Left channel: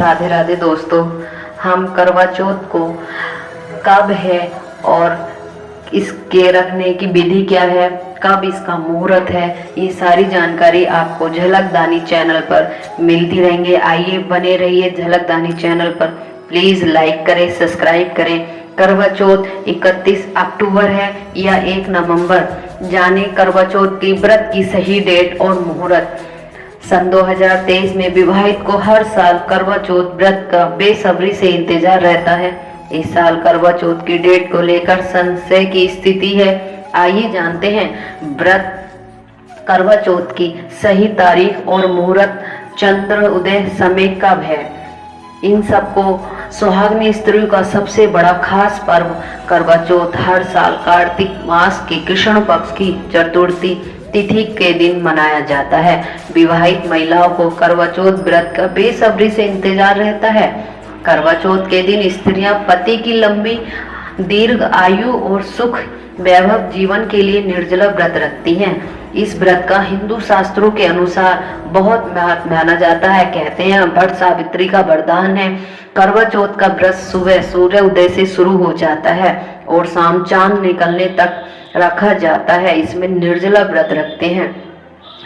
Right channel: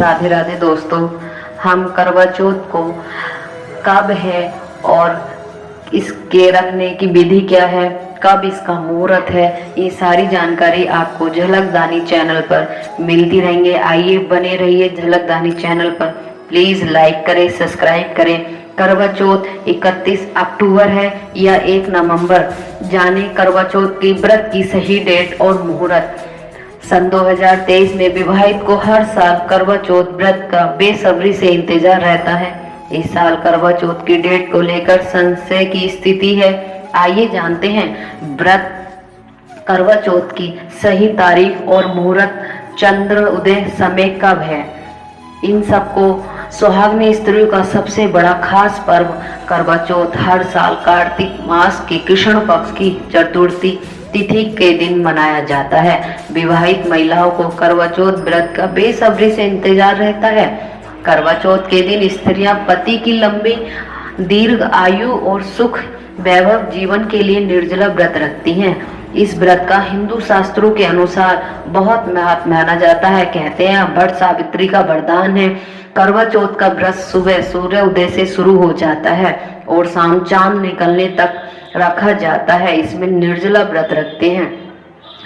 राधे राधे दोस्तों। हम करवा चौथ को कब है और इसके रखने की विधि क्या है, कब इसका मुहूर्त है, ये सारी जानकारी आपको झलकदानी चैनल पर मिलती रहेंगे। आइए बने रहिए झलकदानी चैनल पर। प्लीज लाइक करें, सब्सक्राइब करें। करवा चौथ 31 अक्टूबर है या 1 नवंबर, जाने करवा चौथ की व्रत की सही डेट और मुहूर्त। सन 2023 में विवाहित को हर साल करवा चौथ व्रत का बेसब्री से इंतजार रहता है। इस साल करवा चौथ की डेट को लेकर संशय की स्थिति है। आइए जानते हैं व्रत करवा चौथ की सही तारीख और मुहूर्त, चंद्र उदय समय कब है। इन सबको सुहागनी स्त्रियों का सबसे बड़ा खास पर्व करवा चौथ हर साल कार्तिक मास के कृष्ण पक्ष की चतुर्थी तिथि के दिन मनाया जाता है। विवाहित महिलाओं को करवा चौथ व्रत का बेसब्री से इंतजार रहता है। करवा चौथ के दिन स्त्रियां पति की लंबी दीर्घ आयु और सुख वैभव जीवन के लिए निर्जला व्रत रखती हैं। इस व्रत का हिंदू शास्त्रों के अनुसार बहुत महत्व माना जाता है। कहते हैं वट सावित्री का वरदान है। करवा चौथ का व्रत सुबह सूर्य उदय से शुरू हो जाता है और शाम चांद निकलने तक रखा जाता है। इसमें निर्जला व्रत रखते हैं।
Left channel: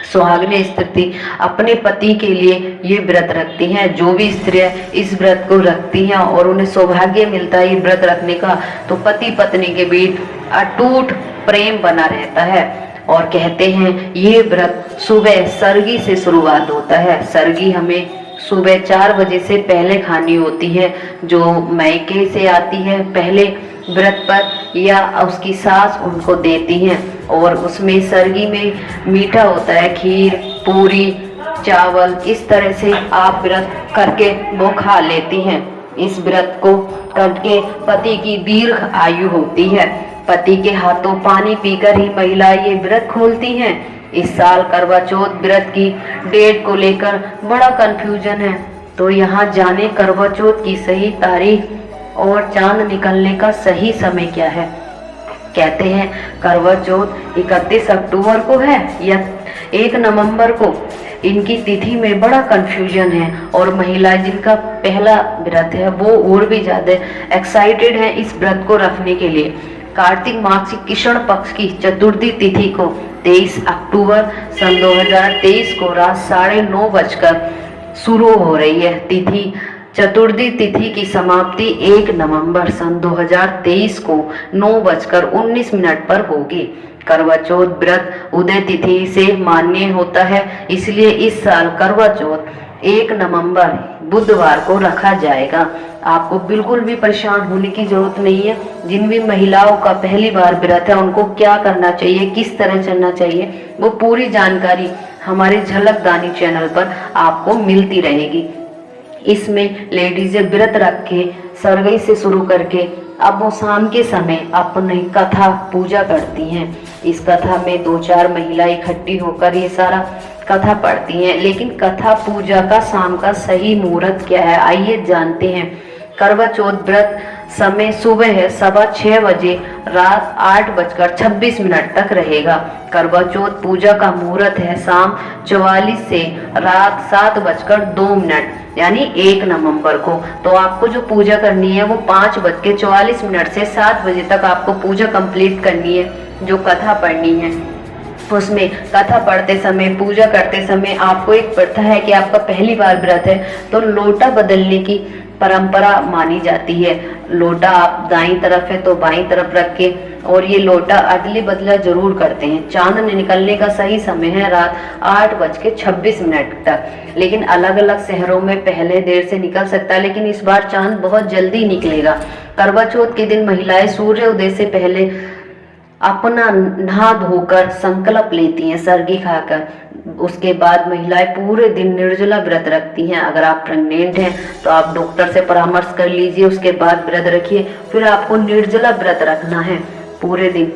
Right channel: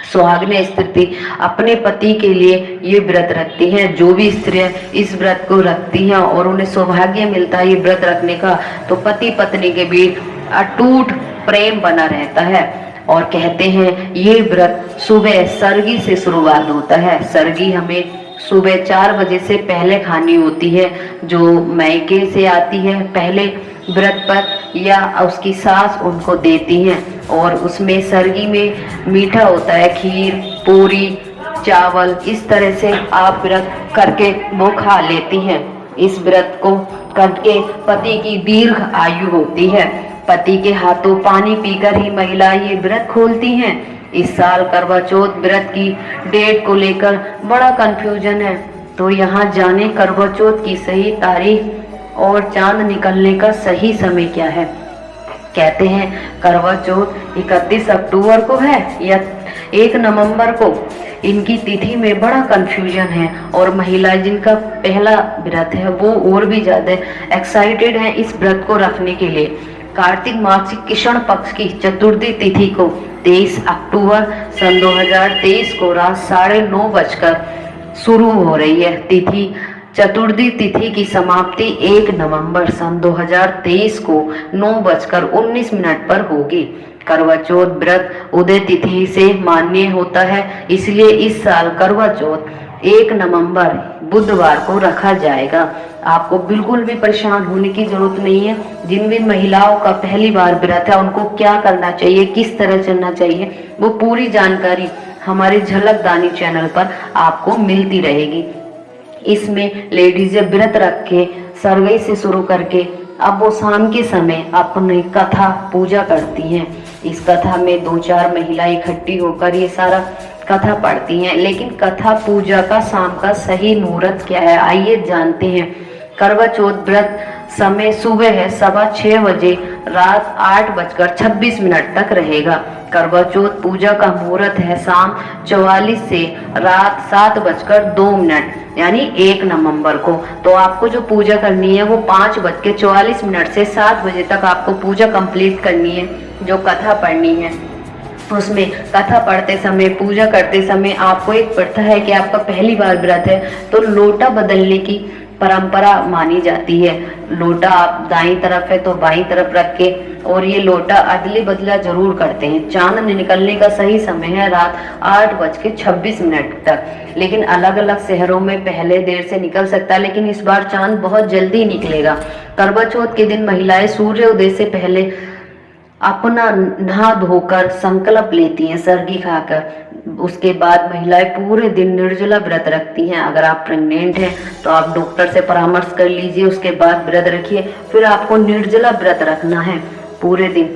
सुहागने स्त्री अपने पति के लिए ये व्रत रखती हैं। जो भी स्त्रियां इस व्रत को रखती हैं और उन्हें सौभाग्य मिलता है ये व्रत रखने का, तो पति पत्नी के बीच अटूट प्रेम बना रहता है। और कहते हैं ये व्रत सुबह सरगी से शुरुआत होता है। सरगी हमें सुबह 4 बजे से पहले खानी होती है। जो मैके से आती है पहले व्रत पर या उसकी सास उनको देती हैं, और उसमें सरगी में मीठा होता है, खीर, पूरी, चावल। इस तरह से आप व्रत करके वो खा लेती हैं। इस व्रत को करके पति की दीर्घ आयु होती है। पति के हाथों पानी पीकर ही महिला ये व्रत खोलती हैं। इस साल करवा चौथ व्रत की डेट को लेकर बड़ा कंफ्यूजन है, तो यहाँ जाने करवा चौथ की सही तारीख और चांद निकलने का सही समय क्या है। कहते हैं करवा चौथ 31 अक्टूबर को है या 1 नवंबर को। इनकी तिथि में बड़ा कंफ्यूजन है और महिलाएं जिनका पहला व्रत है वो और भी ज्यादा एक्साइटेड हैं इस व्रत को रखने के लिए। कार्तिक मास की कृष्ण पक्ष की चतुर्थी तिथि को 23 अक्टूबर सन 2023 को रात 9:30 बजकर शुरू हो रही है। तिथि चतुर्थी तिथि की समाप्ति 1 नवंबर सन 2023 को 9:19 पर होगी। करवा चौथ व्रत उदय तिथि से मान्य होता है, इसलिए इस साल करवा चौथ 1 नवंबर बुधवार को रखा जाएगा। आपको बिल्कुल भी परेशान होने की जरूरत नहीं है। जिन भी महिलाओं का पहली बार व्रत है उनको क्या करना चाहिए, किस तरह चलना चाहिए, वो पूरी जानकारी हमारे झलकदानी चैनल पर आपको मिलती रहेगी। इसमें लेडीज व्रत रख के सरगई से शुरू करके अब वो शाम के समय अपनी कथा पूजा करती हैं। इस कथा में 2-4 महिलाएं इकट्ठी होकर ये सारा कथा पढ़ती हैं। लेकिन कथा पूजा का शाम का सही मुहूर्त क्या है, आइए जानते हैं। करवा चौथ व्रत समय सुबह है 6:15 बजे रात 8:26 तक रहेगा। करवा चौथ पूजा का मुहूर्त है शाम 44 से रात 7:02 यानी 1 नवंबर को। तो आपको जो पूजा करनी है वो 5:44 से 7 बजे तक आपको पूजा कंप्लीट करनी है। जो कथा पढ़नी है उसमें कथा पढ़ते समय, पूजा करते समय आपको एक प्रथा है कि आपका पहली बार व्रत है तो लोटा बदलने की परंपरा मानी जाती है। लोटा आप दाईं तरफ है तो बाईं तरफ रख के, और ये लोटा अदले बदला जरूर करते हैं। चांद निकलने का सही समय है रात 8:26 तक। लेकिन अलग अलग शहरों में पहले देर से निकल सकता है, लेकिन इस बार चांद बहुत जल्दी निकलेगा। करवा चौथ के दिन महिलाएं सूर्य उदय से पहले अपना नहा धोकर संकल्प लेती हैं सरगी खाकर। उसके बाद महिलाएं पूरे दिन निर्जला व्रत रखती हैं। अगर आप प्रेग्नेंट हैं तो आप डॉक्टर से परामर्श कर लीजिए, उसके बाद व्रत रखिए। फिर आपको निर्जला व्रत रखना है पूरे दिन।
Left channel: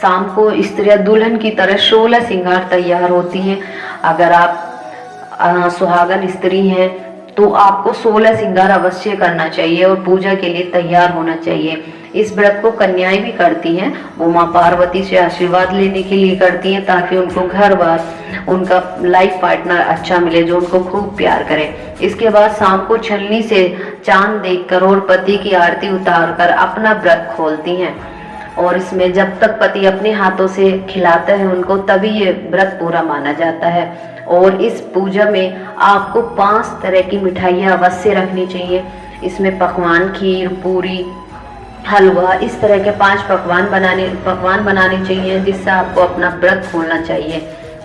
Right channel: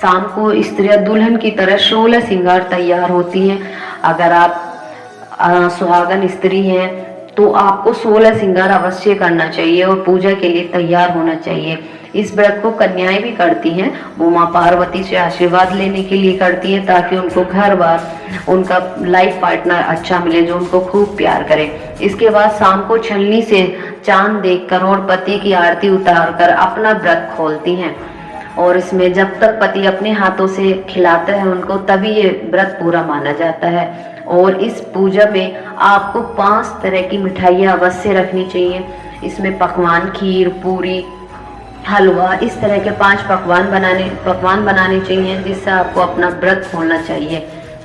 शाम को स्त्रियां दुल्हन की तरह 16 श्रृंगार तैयार होती हैं। अगर आप सुहागन स्त्री हैं तो आपको 16 श्रृंगार अवश्य करना चाहिए और पूजा के लिए तैयार होना चाहिए। इस व्रत को कन्याएं भी करती हैं, वो माँ पार्वती से आशीर्वाद लेने के लिए करती हैं ताकि उनको घर बार उनका लाइफ पार्टनर अच्छा मिले जो उनको खूब प्यार करे। इसके बाद शाम को छलनी से चांद देखकर और पति की आरती उतार कर अपना व्रत खोलती हैं और इसमें जब तक पति अपने हाथों से खिलाता है उनको तभी ये व्रत पूरा माना जाता है। और इस पूजा में आपको 5 तरह की मिठाइयाँ अवश्य रखनी चाहिए। इसमें पकवान, खीर, पूरी, हलवा, इस तरह के 5 पकवान बनाने चाहिए जिससे आपको अपना व्रत खोलना चाहिए।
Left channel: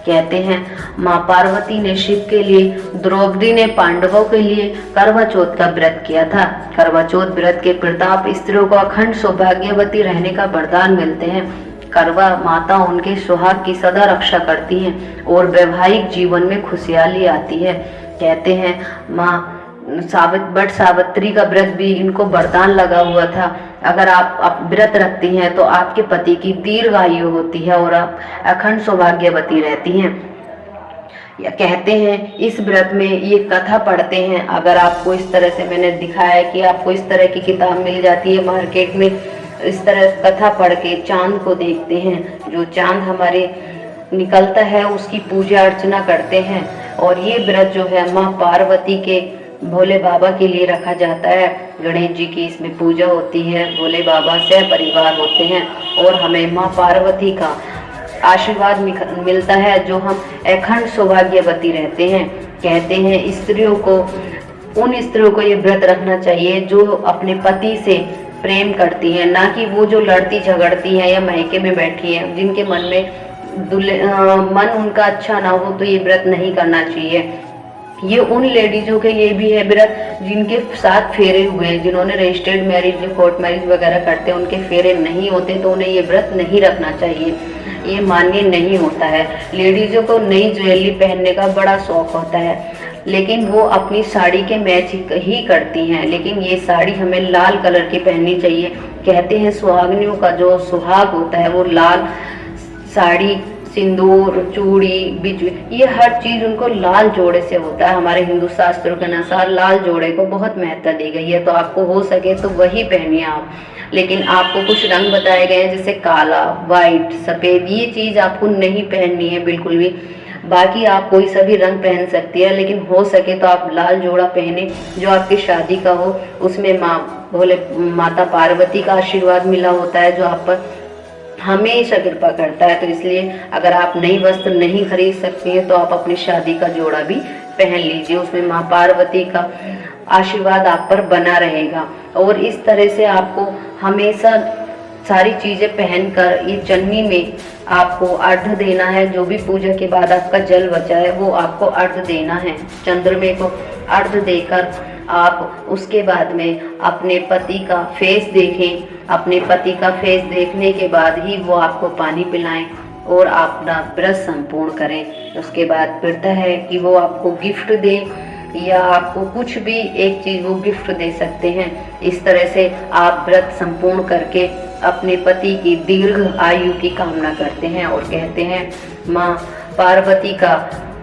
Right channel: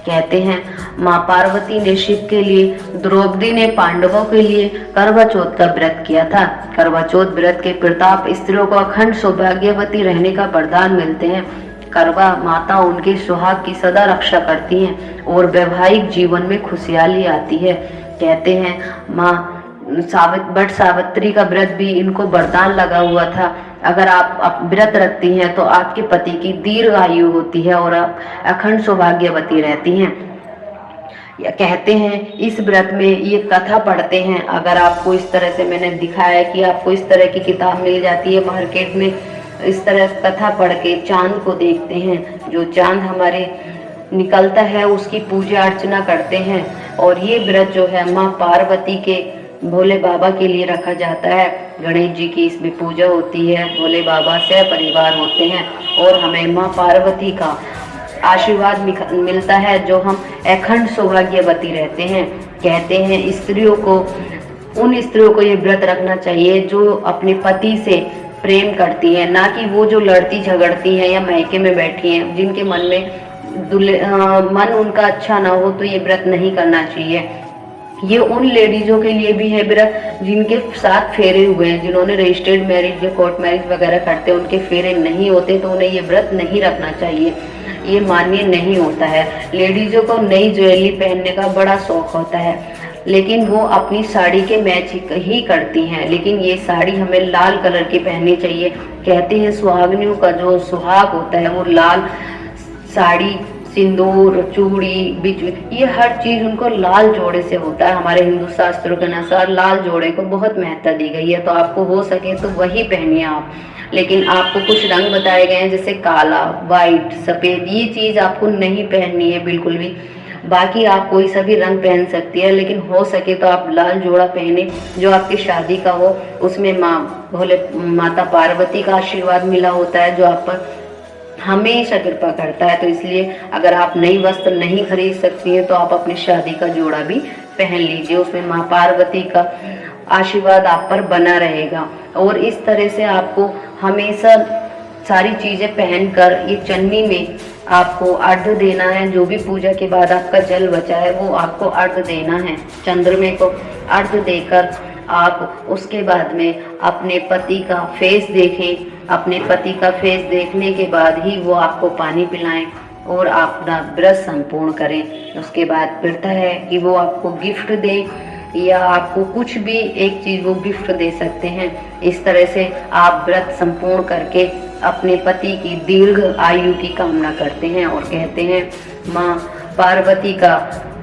कहते हैं माँ पार्वती ने शिव के लिए, द्रौपदी ने पांडवों के लिए करवा चौथ का व्रत किया था। करवा चौथ व्रत के प्रताप स्त्रियों को अखंड सौभाग्यवती रहने का वरदान मिलते हैं। करवा माता उनके सुहाग की सदा रक्षा करती हैं और वैवाहिक जीवन में खुशहाली आती है। कहते हैं माँ बट सावित्री का व्रत भी इनको वरदान लगा हुआ था। अगर आप व्रत रखती हैं तो आपके पति की दीर्घ आयु होती है और आप अखंड सौभाग्यवती रहती हैं। या कहते हैं इस व्रत में ये कथा पढ़ते हैं, अगर आपको इस तरह से मैंने दिखाया है कि आपको इस तरह की किताब मिल जाती है मार्केट में, इस तरह कथा पढ़ के चांद को देखते हैं, जो चांद हमारे निकलता है उसकी पूजा अर्चना करते हैं। और ये व्रत जो है माँ पार्वती के भोले बाबा के लिए रखा जाता है। गणेश जी की इसमें पूजा होती है, भोले बाबा से परिवार होते हैं और हमें माँ पार्वती का आशीर्वाद मिलता है जो हम अखंड सौभाग्यवती रहते हैं। कहते हैं उन स्त्रियों को ये व्रत रखना चाहिए जो अपने पति से प्रेम करती हैं, ना कि वो जो लड़ती झगड़ती हैं या मायके में बैठी हैं, जिनके मन में मन उनका अच्छा ना हो तो ये व्रत नहीं करना चाहिए। ये उन लेडीजों के लिए भी है व्रत जिनके साथ फेरे हुए हैं, जिन्होंने रजिस्टर्ड मैरिज या कोर्ट मैरिज वगैरह करते हैं, उनके फेरे नहीं होते तो उन्हें ये व्रत नहीं रखना चाहिए, ये मान्य नहीं होता है। लेडीजों को नई ज्वेलरी पहनने का बड़ा शौक होता है, लेकिन वो अपनी साड़ी के मैच ही करती हैं, लेकिन ये साड़ी हमें लाल कलर की पहननी चाहिए। कहते हैं सुहागनियों का जो सुहाग होता है वो लाल साड़ी, सिंदूर, चूड़ी, बिजुली, ये हर चीज उनको लाल जोड़े से होता है। हमारे हिंदू शास्त्रों के अनुसार लाल जोड़े को बहुत महत्व दी गई है, तो आपको हो सके तो वही पहनिए आप। लेकिन आपको कुछ रंग बताए गए हैं जैसे काला, वाइट, सफेद, ये चीज आपको नहीं पहननी है बिल्कुल भी। बाकी आप कोई सा भी रंग पहन सकती है, लेकिन हो सके तो आप लाल जोड़ा पहने जो आपकी शादी का हो, उसमें माता पार्वती का आशीर्वाद मिला होता है जो आप पर हमेशा कृपा करता है। तो इसलिए अगर आप नई वस्त्र नहीं खरीद सकती हैं तो आप अपनी शादी का जोड़ा भी पहन लीजिए, उसमें माँ पार्वती का आशीर्वाद आप पर बना रहेगा। और इस तरह से आपको हमेशा सारी चीजें पहनकर ये चन्नी में आपको अर्घ्य देना है। जो भी पूजा के बाद आपका जल बचा है वो आपको अर्घ्य देना है। चंद्रमा को अर्घ्य देकर आप उसके बाद में अपने पति का फेस देखें। अपने पति का फेस देखने के बाद ही वो आपको पानी पिलाएं और अपना व्रत संपूर्ण करें। उसके बाद फिरता है कि वो आपको गिफ्ट दे या आपको कुछ भी एक चीज वो गिफ्ट दे सकते हैं। इस तरह से आप व्रत संपूर्ण करके अपने पति की दीर्घ आयु की कामना करते हैं और कहते हैं माँ पार्वती का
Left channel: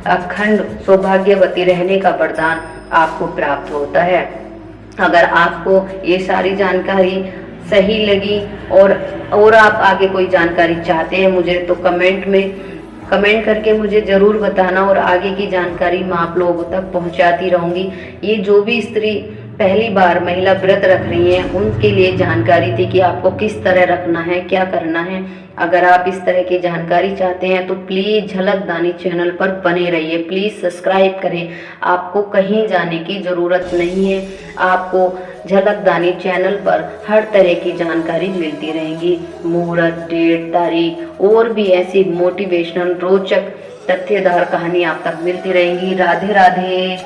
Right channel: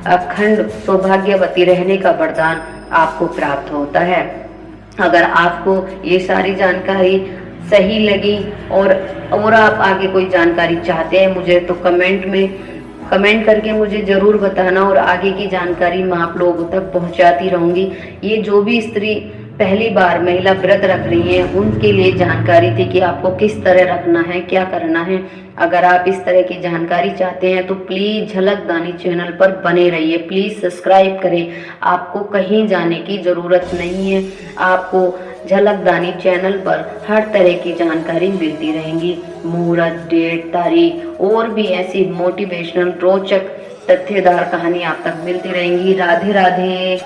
अखंड सौभाग्यवती रहने का वरदान आपको प्राप्त होता है। अगर आपको ये सारी जानकारी सही लगी और आप आगे कोई जानकारी चाहते हैं मुझे तो कमेंट करके मुझे ज़रूर बताना और आगे की जानकारी मैं आप लोगों तक पहुंचाती रहूंगी। ये जो भी स्त्री पहली बार महिला व्रत रख रही हैं उनके लिए जानकारी थी कि आपको किस तरह रखना है, क्या करना है। अगर आप इस तरह की जानकारी चाहते हैं तो प्लीज़ झलक दानी चैनल पर बने रहिए, प्लीज़ सब्सक्राइब करें। आपको कहीं जाने की ज़रूरत नहीं है, आपको झलक दानी चैनल पर हर तरह की जानकारी मिलती रहेंगी। मुहूर्त, डेट, तारीख और भी ऐसी मोटिवेशनल रोचक तथ्यदार कहानी आप तक मिलती रहेंगी। राधे राधे।